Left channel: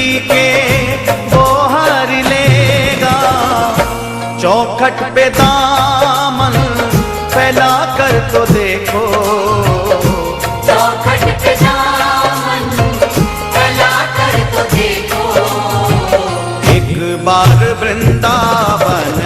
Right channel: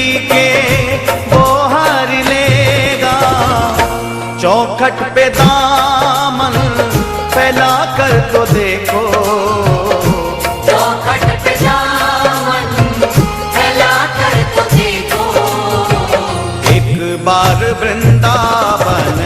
जिंदगी के वो हार लेगा। चौखट पे दामन फैला कर तो देखो, चौखट पे दामन फैला कर तो देखो। एक बार वृंदावन